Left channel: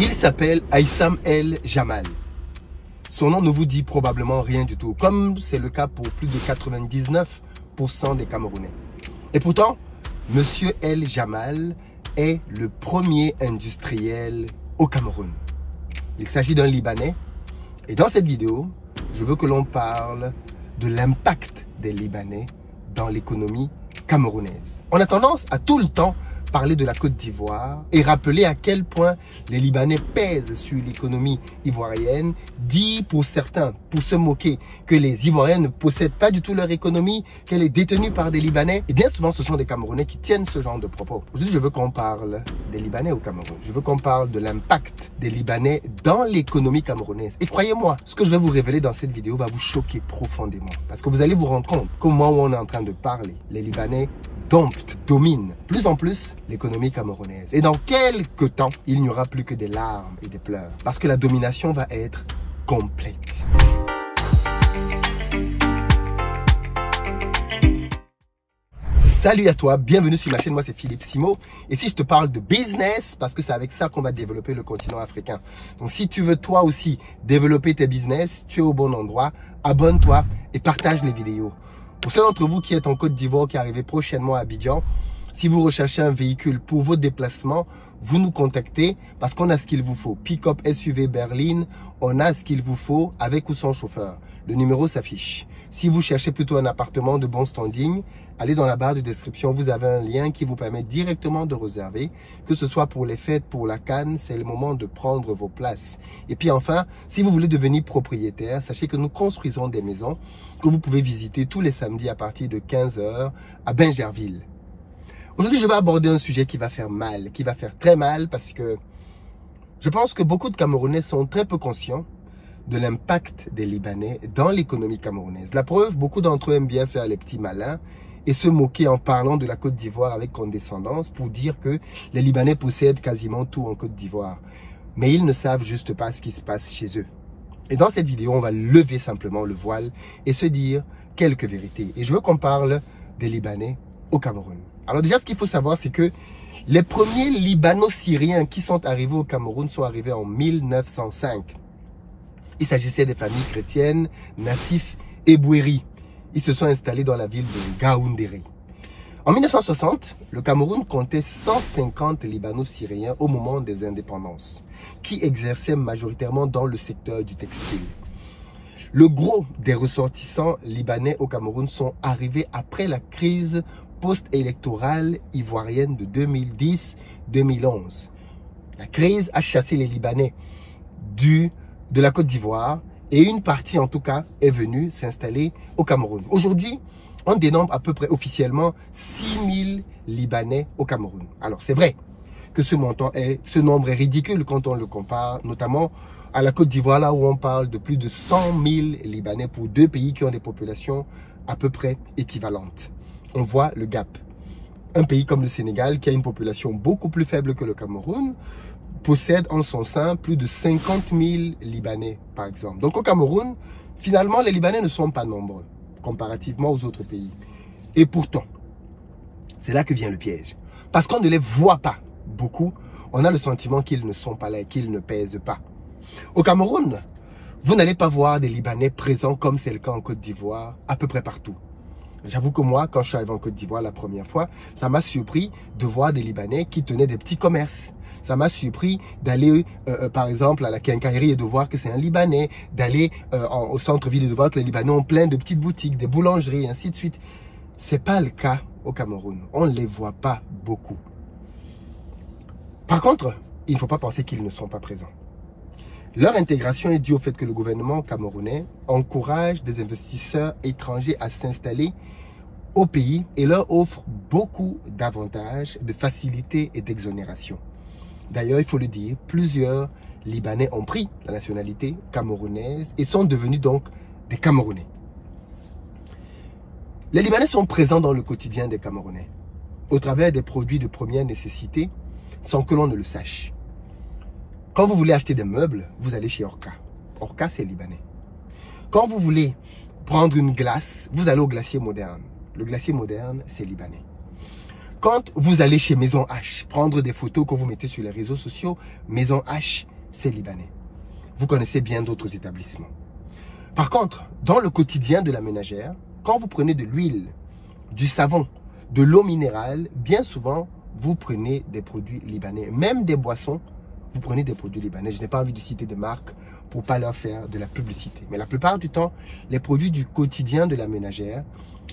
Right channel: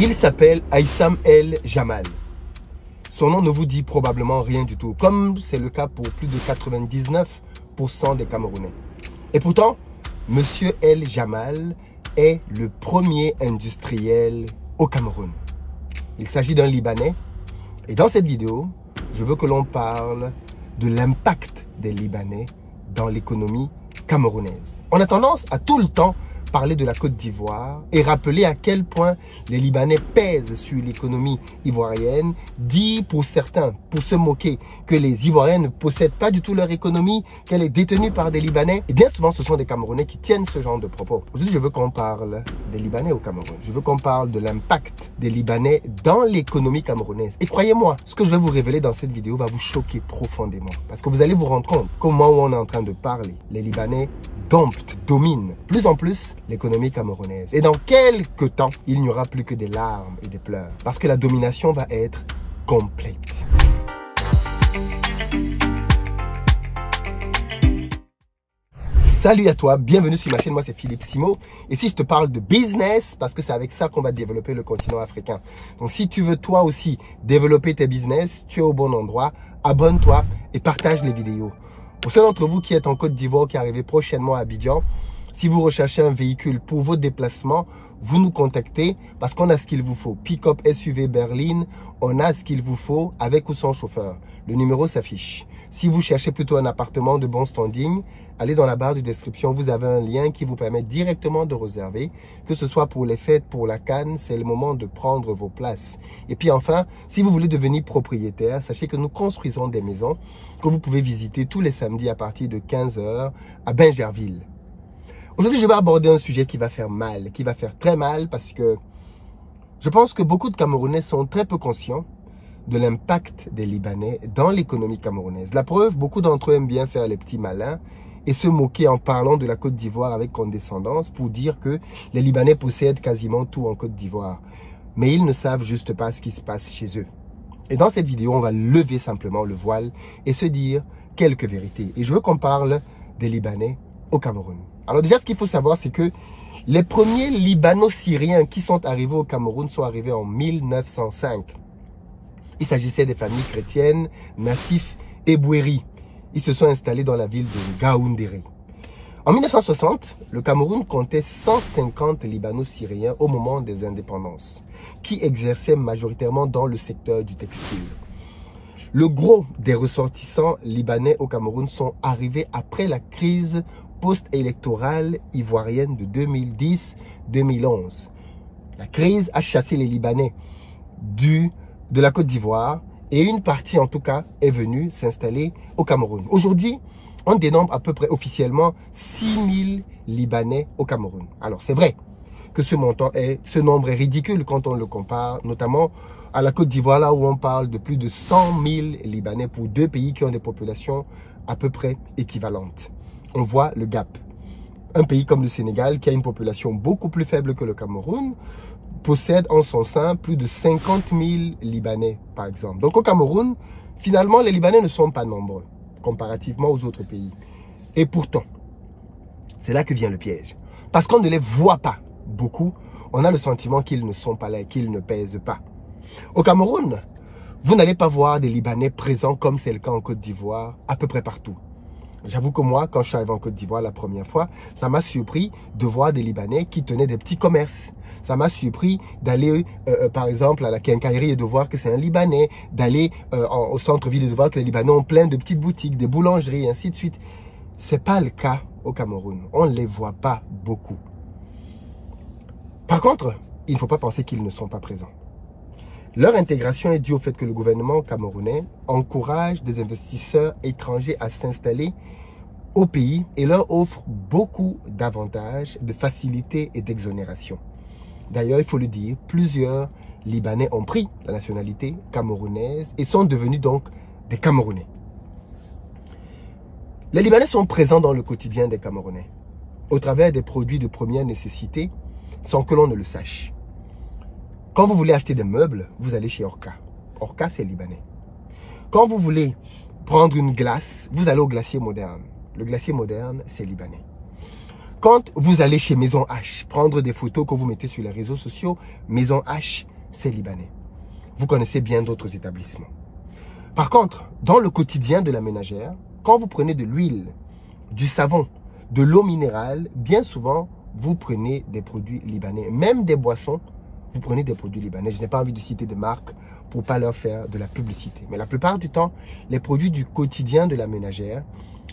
Il s'appelle Aïssam El Jamal. Son nom ne vous dit probablement rien du tout, comme c'est le cas pour plus de 99% des Camerounais. Et pourtant, Monsieur El Jamal est le premier industriel au Cameroun. Il s'agit d'un Libanais. Et dans cette vidéo, je veux que l'on parle de l'impact des Libanais dans l'économie camerounaise. On a tendance à tout le temps parler de la Côte d'Ivoire et rappeler à quel point les Libanais pèsent sur l'économie ivoirienne, dit pour certains, pour se moquer, que les Ivoiriens ne possèdent pas du tout leur économie, qu'elle est détenue par des Libanais. Et bien souvent, ce sont des Camerounais qui tiennent ce genre de propos. Aujourd'hui, je veux qu'on parle des Libanais au Cameroun. Je veux qu'on parle de l'impact des Libanais dans l'économie camerounaise. Et croyez-moi, ce que je vais vous révéler dans cette vidéo va vous choquer profondément. Parce que vous allez vous rendre compte qu'au moment où on est en train de parler, les Libanais dominent plus en plus l'économie camerounaise. Et dans quelques temps, il n'y aura plus que des larmes et des pleurs. Parce que la domination va être complète. Salut à toi, bienvenue sur ma chaîne, moi c'est Philippe Simo. Et si je te parle de business, parce que c'est avec ça qu'on va développer le continent africain. Donc si tu veux toi aussi développer tes business, tu es au bon endroit. Abonne-toi et partage les vidéos. Pour ceux d'entre vous qui êtes en Côte d'Ivoire, qui arrivez prochainement à Abidjan, si vous recherchez un véhicule pour vos déplacements, vous nous contactez parce qu'on a ce qu'il vous faut. Pick-up SUV berline, on a ce qu'il vous faut avec ou sans chauffeur. Le numéro s'affiche. Si vous cherchez plutôt un appartement de bon standing, allez dans la barre de description, vous avez un lien qui vous permet directement de réserver. Que ce soit pour les fêtes, pour la CAN, c'est le moment de prendre vos places. Et puis enfin, si vous voulez devenir propriétaire, sachez que nous construisons des maisons que vous pouvez visiter tous les samedis à partir de 15 h à Bingerville. Aujourd'hui, je vais aborder un sujet qui va faire mal, qui va faire très mal parce que je pense que beaucoup de Camerounais sont très peu conscients de l'impact des Libanais dans l'économie camerounaise. La preuve, beaucoup d'entre eux aiment bien faire les petits malins et se moquer en parlant de la Côte d'Ivoire avec condescendance pour dire que les Libanais possèdent quasiment tout en Côte d'Ivoire. Mais ils ne savent juste pas ce qui se passe chez eux. Et dans cette vidéo, on va lever simplement le voile et se dire quelques vérités. Et je veux qu'on parle des Libanais au Cameroun. Alors déjà, ce qu'il faut savoir, c'est que les premiers Libano-Syriens qui sont arrivés au Cameroun sont arrivés en 1905. Il s'agissait des familles chrétiennes, Nassif et Bouéri. Ils se sont installés dans la ville de Gaoundéré. En 1960, le Cameroun comptait 150 Libano-Syriens au moment des indépendances, qui exerçaient majoritairement dans le secteur du textile. Le gros des ressortissants libanais au Cameroun sont arrivés après la crise post-électorale ivoirienne de 2010-2011. La crise a chassé les Libanais de la Côte d'Ivoire et une partie en tout cas est venue s'installer au Cameroun. Aujourd'hui, on dénombre à peu près officiellement 6000 Libanais au Cameroun. Alors c'est vrai que ce nombre est ridicule quand on le compare notamment à la Côte d'Ivoire, là où on parle de plus de 100 000 Libanais pour deux pays qui ont des populations à peu près équivalentes. On voit le gap. Un pays comme le Sénégal, qui a une population beaucoup plus faible que le Cameroun, possède en son sein plus de 50 000 Libanais, par exemple. Donc au Cameroun, finalement, les Libanais ne sont pas nombreux, comparativement aux autres pays. Et pourtant, c'est là que vient le piège. Parce qu'on ne les voit pas beaucoup, on a le sentiment qu'ils ne sont pas là, qu'ils ne pèsent pas. Au Cameroun, vous n'allez pas voir des Libanais présents comme c'est le cas en Côte d'Ivoire, à peu près partout. J'avoue que moi, quand je suis arrivé en Côte d'Ivoire la première fois, ça m'a surpris de voir des Libanais qui tenaient des petits commerces. Ça m'a surpris d'aller, par exemple, à la quincaillerie et de voir que c'est un Libanais, d'aller au centre-ville et de voir que les Libanais ont plein de petites boutiques, des boulangeries, et ainsi de suite. Ce n'est pas le cas au Cameroun. On ne les voit pas beaucoup. Par contre, il ne faut pas penser qu'ils ne sont pas présents. Leur intégration est due au fait que le gouvernement camerounais encourage des investisseurs étrangers à s'installer au pays et leur offre beaucoup d'avantages, de facilités et d'exonérations. D'ailleurs, il faut le dire, plusieurs Libanais ont pris la nationalité camerounaise et sont devenus donc des Camerounais. Les Libanais sont présents dans le quotidien des Camerounais, au travers des produits de première nécessité, sans que l'on ne le sache. Quand vous voulez acheter des meubles, vous allez chez Orca. Orca, c'est Libanais. Quand vous voulez prendre une glace, vous allez au glacier moderne. Le glacier moderne, c'est Libanais. Quand vous allez chez Maison H, prendre des photos que vous mettez sur les réseaux sociaux, Maison H, c'est libanais. Vous connaissez bien d'autres établissements. Par contre, dans le quotidien de la ménagère, quand vous prenez de l'huile, du savon, de l'eau minérale, bien souvent, vous prenez des produits libanais. Même des boissons, vous prenez des produits libanais. Je n'ai pas envie de citer de marques pour ne pas leur faire de la publicité. Mais la plupart du temps, les produits du quotidien de la ménagère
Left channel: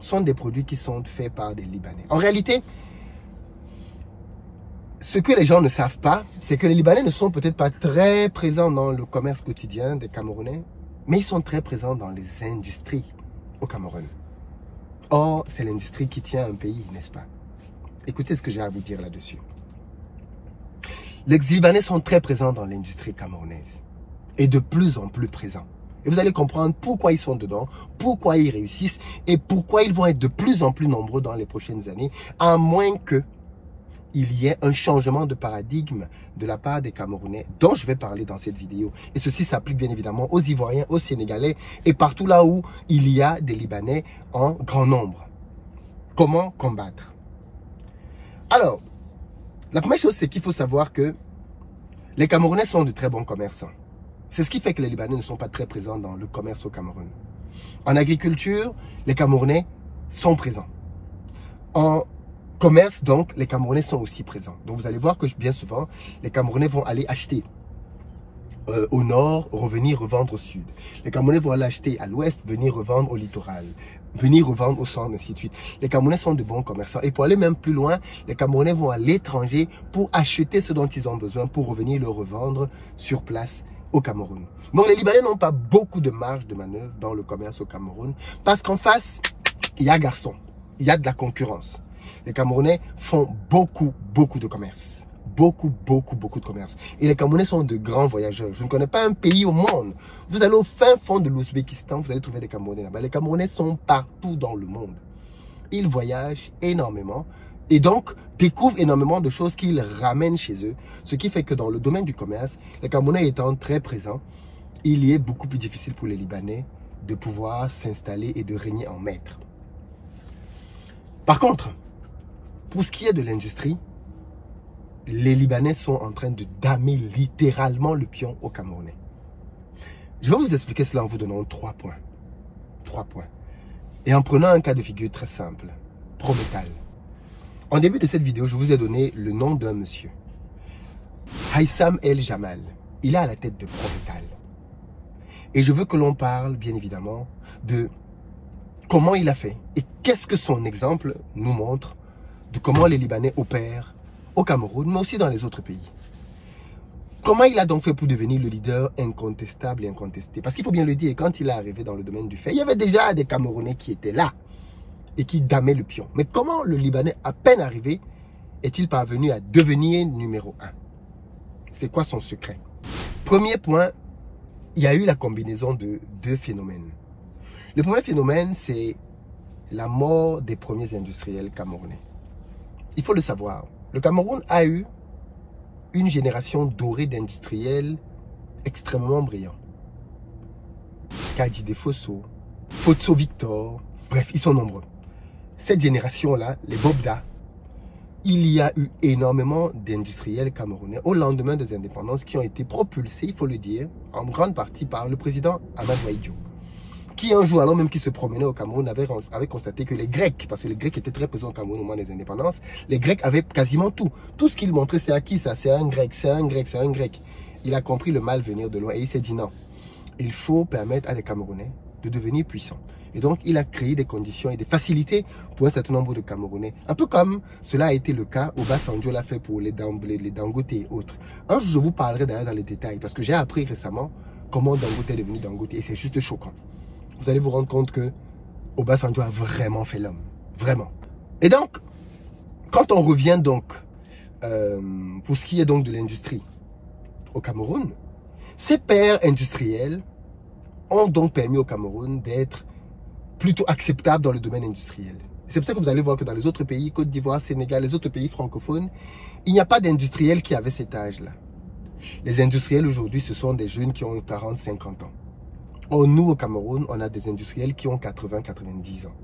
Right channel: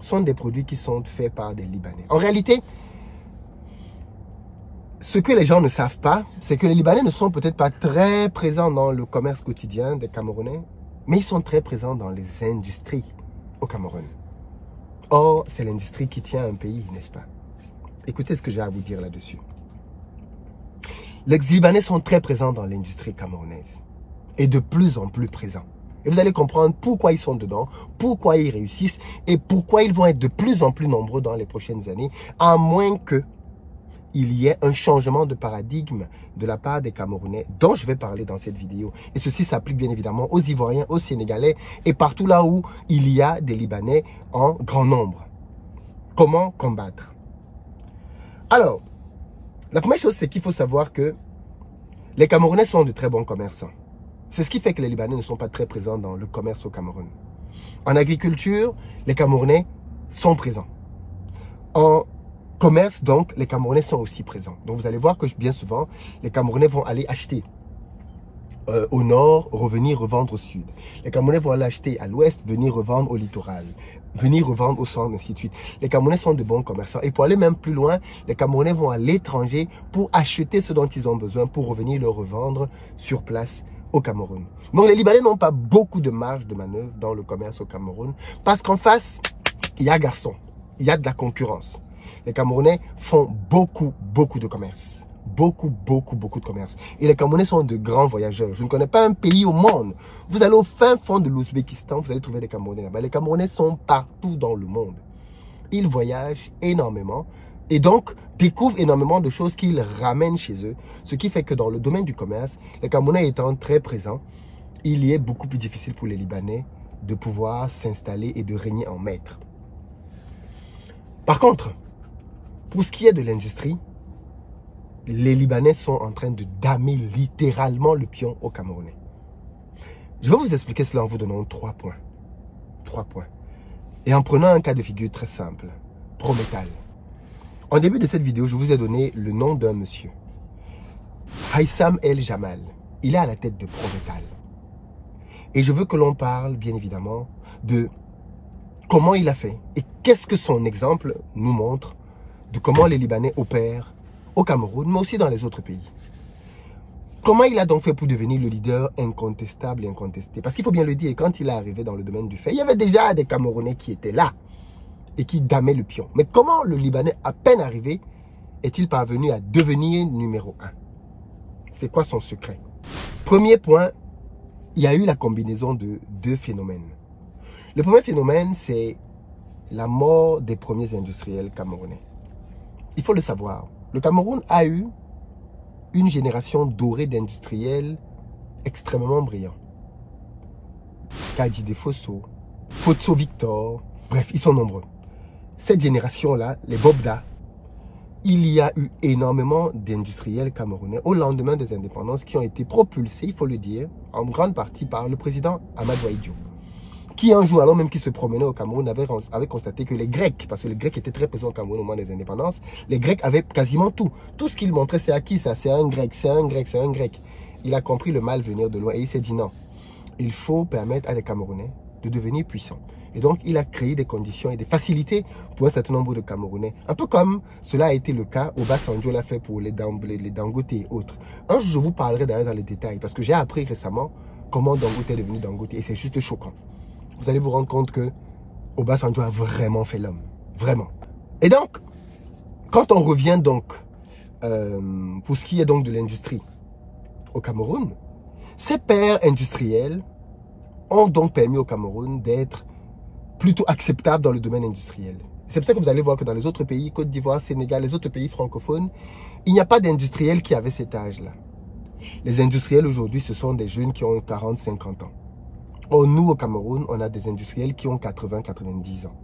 sont des produits qui sont faits par des Libanais. En réalité, ce que les gens ne savent pas, c'est que les Libanais ne sont peut-être pas très présents dans le commerce quotidien des Camerounais, mais ils sont très présents dans les industries au Cameroun. Or, c'est l'industrie qui tient un pays, n'est-ce pas? Écoutez ce que j'ai à vous dire là-dessus. Les Libanais sont très présents dans l'industrie camerounaise et de plus en plus présents. Et vous allez comprendre pourquoi ils sont dedans, pourquoi ils réussissent et pourquoi ils vont être de plus en plus nombreux dans les prochaines années, à moins qu'il y ait un changement de paradigme de la part des Camerounais dont je vais parler dans cette vidéo. Et ceci s'applique bien évidemment aux Ivoiriens, aux Sénégalais et partout là où il y a des Libanais en grand nombre. Comment combattre? Alors, la première chose, c'est qu'il faut savoir que les Camerounais sont de très bons commerçants. C'est ce qui fait que les Libanais ne sont pas très présents dans le commerce au Cameroun. En agriculture, les Camerounais sont présents. En commerce, donc, les Camerounais sont aussi présents. Donc, vous allez voir que bien souvent, les Camerounais vont aller acheter au nord, revenir revendre au sud. Les Camerounais vont aller acheter à l'ouest, venir revendre au littoral, venir revendre au centre, ainsi de suite. Les Camerounais sont de bons commerçants. Et pour aller même plus loin, les Camerounais vont à l'étranger pour acheter ce dont ils ont besoin, pour revenir le revendre sur place au Cameroun. Donc les Libanais n'ont pas beaucoup de marge de manœuvre dans le commerce au Cameroun, parce qu'en face, il y a garçon, il y a de la concurrence. Les Camerounais font beaucoup de commerce. Beaucoup de commerce. Et les Camerounais sont de grands voyageurs. Je ne connais pas un pays au monde. Vous allez au fin fond de l'Ouzbékistan, vous allez trouver des Camerounais là-bas. Les Camerounais sont partout dans le monde. Ils voyagent énormément et donc découvrent énormément de choses qu'ils ramènent chez eux. Ce qui fait que dans le domaine du commerce, les Camerounais étant très présents, il y est beaucoup plus difficile pour les Libanais de pouvoir s'installer et de régner en maître. Par contre, pour ce qui est de l'industrie, les Libanais sont en train de damer littéralement le pion aux Camerounais. Je vais vous expliquer cela en vous donnant 3 points. 3 points. Et en prenant un cas de figure très simple. Prométhal. En début de cette vidéo, je vous ai donné le nom d'un monsieur. Haïssam El Jamal. Il est à la tête de Prométhal. Et je veux que l'on parle, bien évidemment, de comment il a fait et qu'est-ce que son exemple nous montre de comment les Libanais opèrent au Cameroun, mais aussi dans les autres pays. Comment il a donc fait pour devenir le leader incontestable et incontesté? Parce qu'il faut bien le dire, quand il est arrivé dans le domaine du fait, il y avait déjà des Camerounais qui étaient là et qui damaient le pion. Mais comment le Libanais, à peine arrivé, est-il parvenu à devenir numéro 1? C'est quoi son secret? Premier point, il y a eu la combinaison de 2 phénomènes. Le premier phénomène, c'est la mort des premiers industriels camerounais. Il faut le savoir. Le Cameroun a eu une génération dorée d'industriels extrêmement brillants. Kadji Fosso, Fotso Victor, bref, ils sont nombreux. Cette génération-là, les Bobda, il y a eu énormément d'industriels camerounais au lendemain des indépendances qui ont été propulsés, il faut le dire, en grande partie par le président Amadou Ahidjo, qui un jour, alors même qu'il se promenait au Cameroun, avait constaté que les Grecs, parce que les Grecs étaient très présents au Cameroun au moment des indépendances, les Grecs avaient quasiment tout. Tout ce qu'ils montraient, c'est à qui ça? C'est un Grec, c'est un Grec, c'est un Grec. Il a compris le mal venir de loin et il s'est dit non, il faut permettre à les Camerounais de devenir puissants. Et donc, il a créé des conditions et des facilités pour un certain nombre de Camerounais. Un peu comme cela a été le cas, Obasanjo l'a fait pour les Dangote et autres. Un jour, je vous parlerai d'ailleurs dans les détails, parce que j'ai appris récemment comment Dangote est devenu Dangote et c'est juste choquant. Vous allez vous rendre compte que Obasanjo a vraiment fait l'homme. Vraiment. Et donc, quand on revient donc, pour ce qui est donc de l'industrie au Cameroun, ces pères industriels ont donc permis au Cameroun d'être plutôt acceptable dans le domaine industriel. C'est pour ça que vous allez voir que dans les autres pays, Côte d'Ivoire, Sénégal, les autres pays francophones, il n'y a pas d'industriels qui avaient cet âge-là. Les industriels aujourd'hui, ce sont des jeunes qui ont 40, 50 ans. Or, nous, au Cameroun, on a des industriels qui ont 80, 90 ans.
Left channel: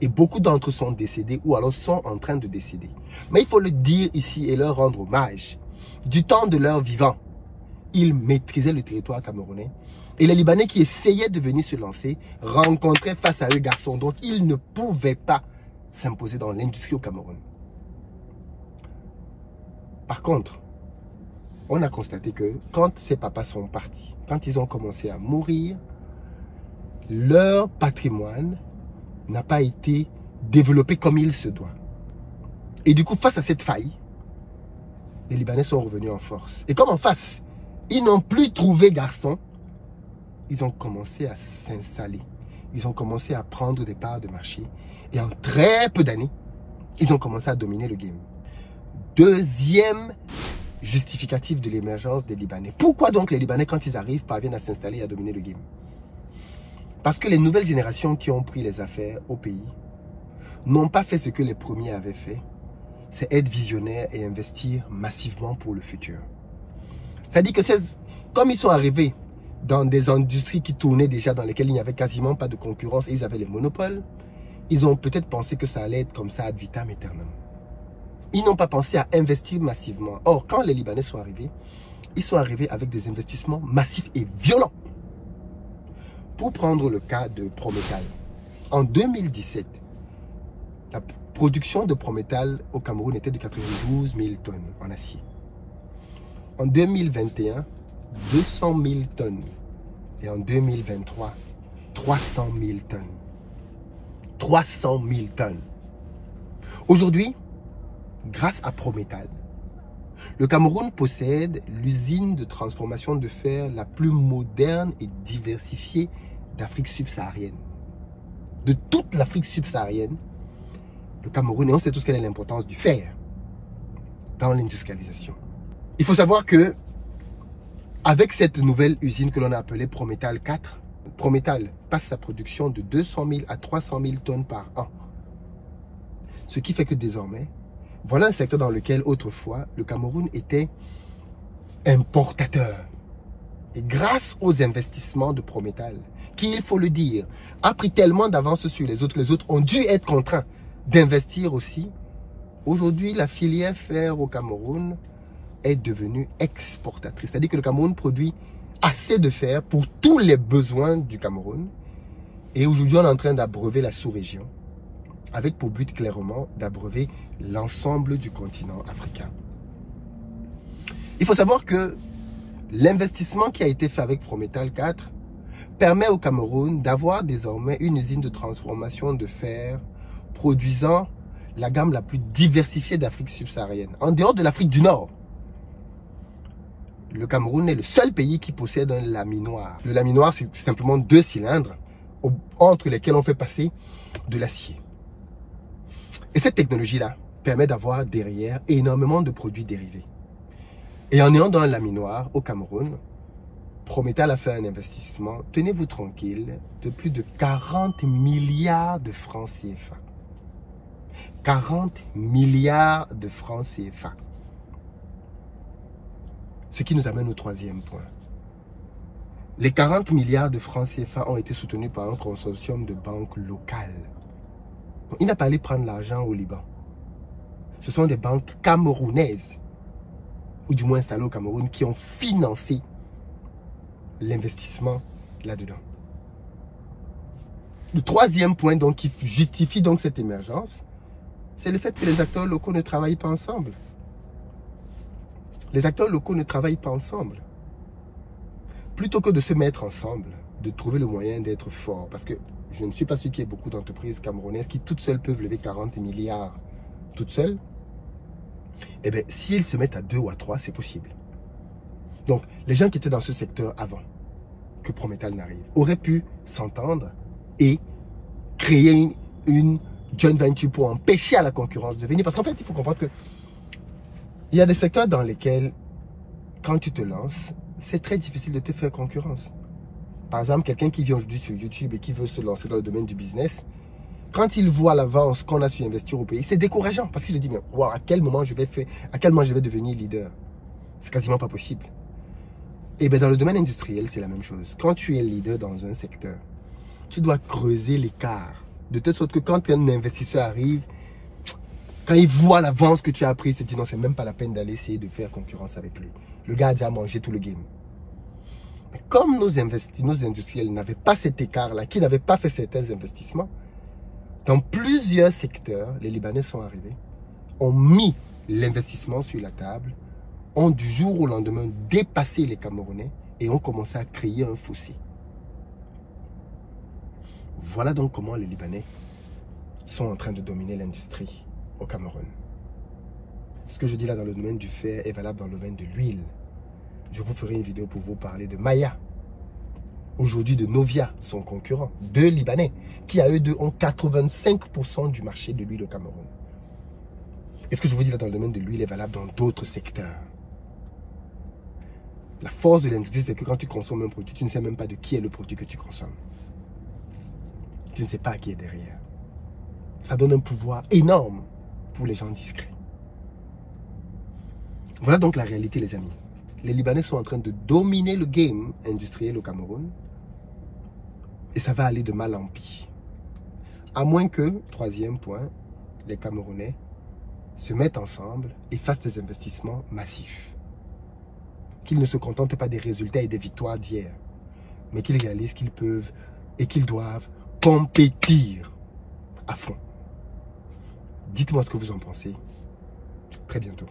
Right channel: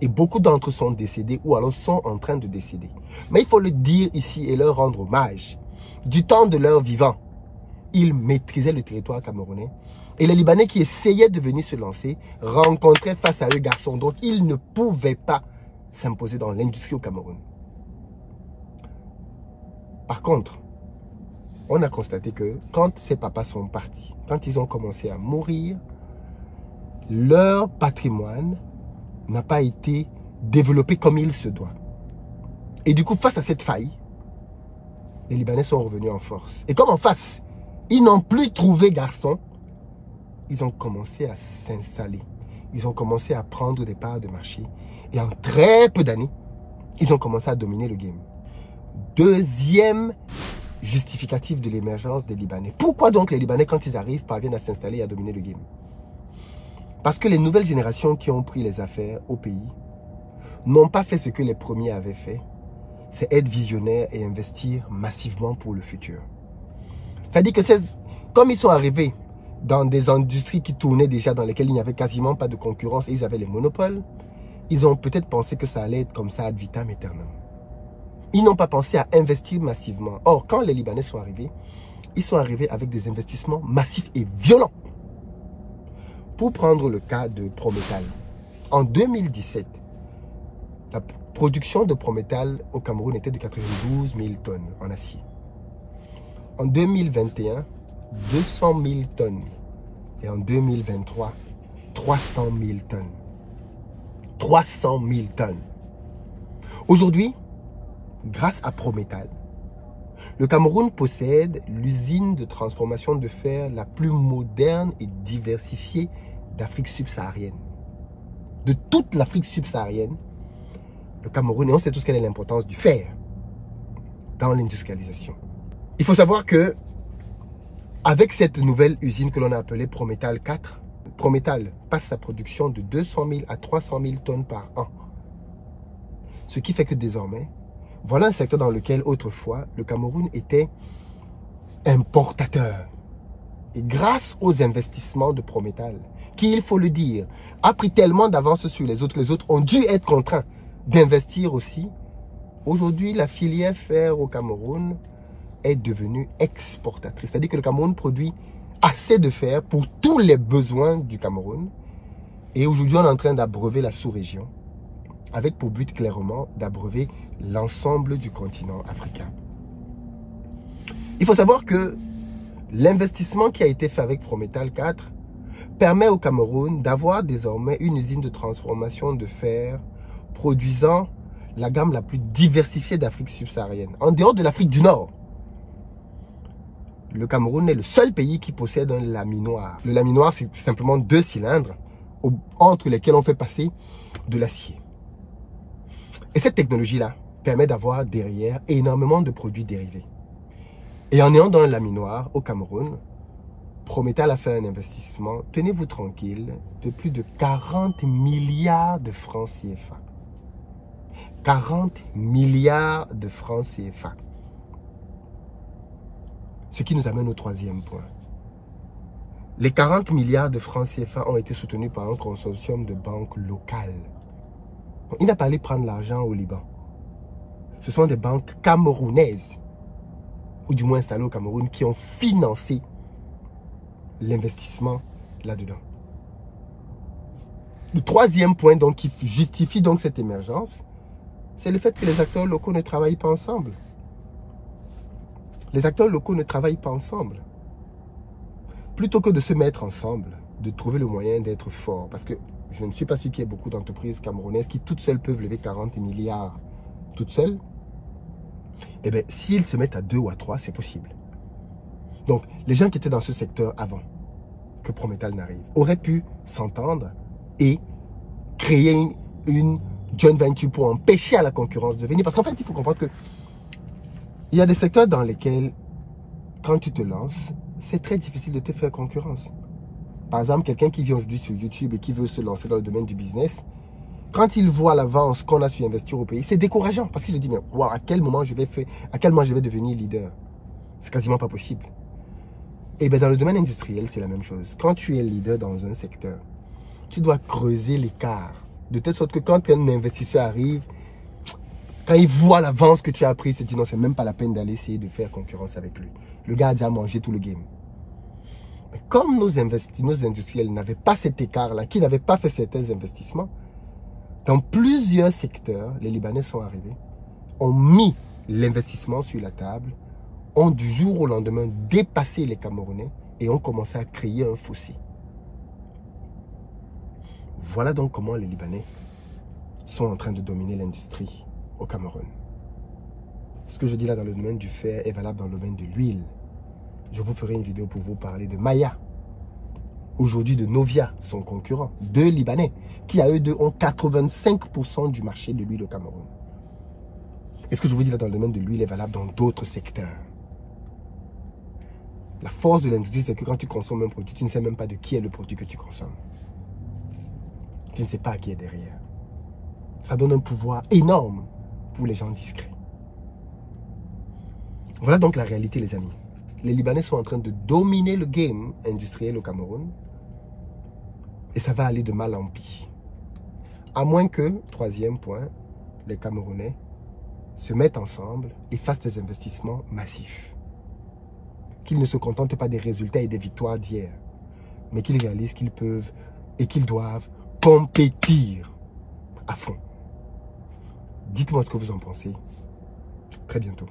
Et beaucoup d'entre eux sont décédés ou alors sont en train de décéder. Mais il faut le dire ici et leur rendre hommage. Du temps de leur vivant, ils maîtrisaient le territoire camerounais. Et les Libanais qui essayaient de venir se lancer rencontraient face à eux garçons dont ils ne pouvaient pas s'imposer dans l'industrie au Cameroun. Par contre, on a constaté que quand ces papas sont partis, quand ils ont commencé à mourir, leur patrimoine n'a pas été développé comme il se doit. Et du coup, face à cette faille, les Libanais sont revenus en force. Et comme en face, ils n'ont plus trouvé garçon, ils ont commencé à s'installer. Ils ont commencé à prendre des parts de marché. Et en très peu d'années, ils ont commencé à dominer le game. Deuxième justificatif de l'émergence des Libanais. Pourquoi donc les Libanais, quand ils arrivent, parviennent à s'installer et à dominer le game? Parce que les nouvelles générations qui ont pris les affaires au pays n'ont pas fait ce que les premiers avaient fait. C'est être visionnaire et investir massivement pour le futur. C'est-à-dire que comme ils sont arrivés dans des industries qui tournaient déjà, dans lesquelles il n'y avait quasiment pas de concurrence et ils avaient les monopoles, ils ont peut-être pensé que ça allait être comme ça ad vitam aeternam. Ils n'ont pas pensé à investir massivement. Or, quand les Libanais sont arrivés, ils sont arrivés avec des investissements massifs et violents. Pour prendre le cas de Prométhal, en 2017, la production de Prométhal au Cameroun était de 92 000 tonnes en acier. En 2021, 200 000 tonnes. Et en 2023, 300 000 tonnes. 300 000 tonnes. Aujourd'hui, grâce à Prométhal, le Cameroun possède l'usine de transformation de fer la plus moderne et diversifiée d'Afrique subsaharienne. De toute l'Afrique subsaharienne, le Cameroun, et on sait tous quelle est l'importance du fer dans l'industrialisation. Il faut savoir que avec cette nouvelle usine que l'on a appelée Prométhal 4, Prométhal passe sa production de 200 000 à 300 000 tonnes par an. Ce qui fait que désormais, voilà un secteur dans lequel autrefois le Cameroun était importateur. Et grâce aux investissements de Prométhal, qui, il faut le dire, a pris tellement d'avance sur les autres ont dû être contraints d'investir aussi. Aujourd'hui, la filière fer au Cameroun est devenue exportatrice. C'est-à-dire que le Cameroun produit assez de fer pour tous les besoins du Cameroun. Et aujourd'hui, on est en train d'abreuver la sous-région, avec pour but clairement d'abreuver l'ensemble du continent africain. Il faut savoir que l'investissement qui a été fait avec Prométhal 4 permet au Cameroun d'avoir désormais une usine de transformation de fer produisant la gamme la plus diversifiée d'Afrique subsaharienne, en dehors de l'Afrique du Nord. Le Cameroun est le seul pays qui possède un laminoir. Le laminoir, c'est tout simplement 2 cylindres entre lesquels on fait passer de l'acier. Et cette technologie-là permet d'avoir derrière énormément de produits dérivés. Et en ayant dans un laminoir au Cameroun, Prométhal a fait un investissement, tenez-vous tranquille, de plus de 40 milliards de francs CFA. 40 milliards de francs CFA. Ce qui nous amène au troisième point. Les 40 milliards de francs CFA ont été soutenus par un consortium de banques locales. Donc, il n'a pas allé prendre l'argent au Liban. Ce sont des banques camerounaises, ou du moins installées au Cameroun, qui ont financé l'investissement là-dedans. Le troisième point donc, qui justifie donc cette émergence, c'est le fait que les acteurs locaux ne travaillent pas ensemble. Les acteurs locaux ne travaillent pas ensemble. Plutôt que de se mettre ensemble, de trouver le moyen d'être fort. Parce que je ne suis pas sûr qu'il y ait beaucoup d'entreprises camerounaises qui toutes seules peuvent lever 40 milliards toutes seules. Eh bien, s'ils se mettent à 2 ou à 3, c'est possible. Donc, les gens qui étaient dans ce secteur avant que Prométhal n'arrive auraient pu s'entendre et créer une joint venture pour empêcher à la concurrence de venir. Parce qu'en fait, il faut comprendre que il y a des secteurs dans lesquels, quand tu te lances, c'est très difficile de te faire concurrence. Par exemple, quelqu'un qui vient aujourd'hui sur YouTube et qui veut se lancer dans le domaine du business, quand il voit l'avance qu'on a su investir au pays, c'est décourageant parce qu'il se dit, mais wow, à quel moment je vais devenir leader? C'est quasiment pas possible. Et bien dans le domaine industriel, c'est la même chose. Quand tu es leader dans un secteur, tu dois creuser l'écart De telle sorte que quand un investisseur arrive, quand il voit l'avance que tu as pris, il se dit non, c'est même pas la peine d'aller essayer de faire concurrence avec lui. Le gars a déjà mangé tout le game. Mais comme nos industriels n'avaient pas cet écart-là, qui n'avaient pas fait certains investissements, dans plusieurs secteurs, les Libanais sont arrivés, ont mis l'investissement sur la table, ont du jour au lendemain dépassé les Camerounais et ont commencé à créer un fossé. Voilà donc comment les Libanais sont en train de dominer l'industrie au Cameroun. Ce que je dis là dans le domaine du fer est valable dans le domaine de l'huile. Je vous ferai une vidéo pour vous parler de Maya, aujourd'hui de Novia, son concurrent, deux Libanais, qui à eux deux ont 85% du marché de l'huile au Cameroun. Et ce que je vous dis là dans le domaine de l'huile est valable dans d'autres secteurs. La force de l'industrie, c'est que quand tu consommes un produit, tu ne sais même pas de qui est le produit que tu consommes. Tu ne sais pas qui est derrière. Ça donne un pouvoir énorme pour les gens discrets. Voilà donc la réalité, les amis. Les Libanais sont en train de dominer le game industriel au Cameroun. Et ça va aller de mal en pis. À moins que, troisième point, les Camerounais se mettent ensemble et fassent des investissements massifs. Qu'ils ne se contentent pas des résultats et des victoires d'hier, mais qu'ils réalisent qu'ils peuvent et qu'ils doivent compétir à fond. Dites-moi ce que vous en pensez. Très bientôt.